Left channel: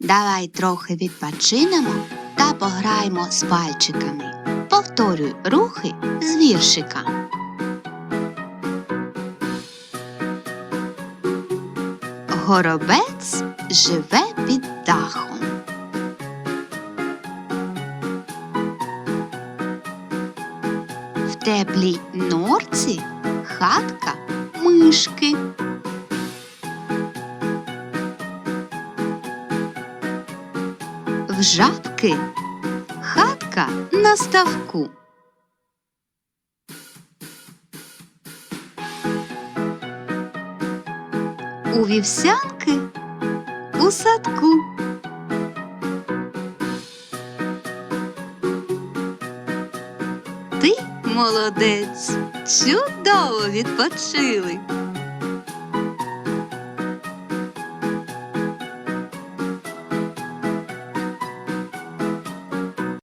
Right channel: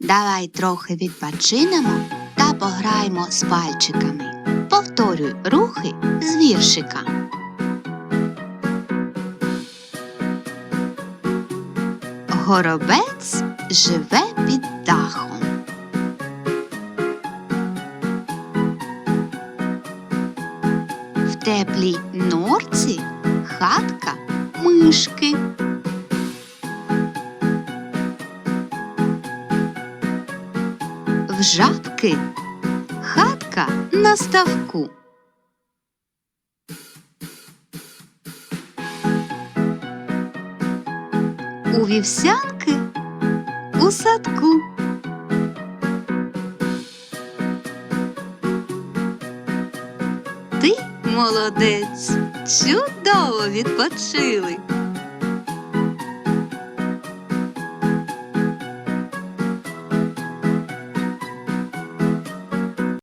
Давай трохи відпочинемо та пограємо з пальчиками. Повторюй рухи з віршика. Горобець живе під дахом. В теплій норці хатка мишки. В жабки хатка на ставку. У вівсянки у садку. Ти молодець, чудово відпочили.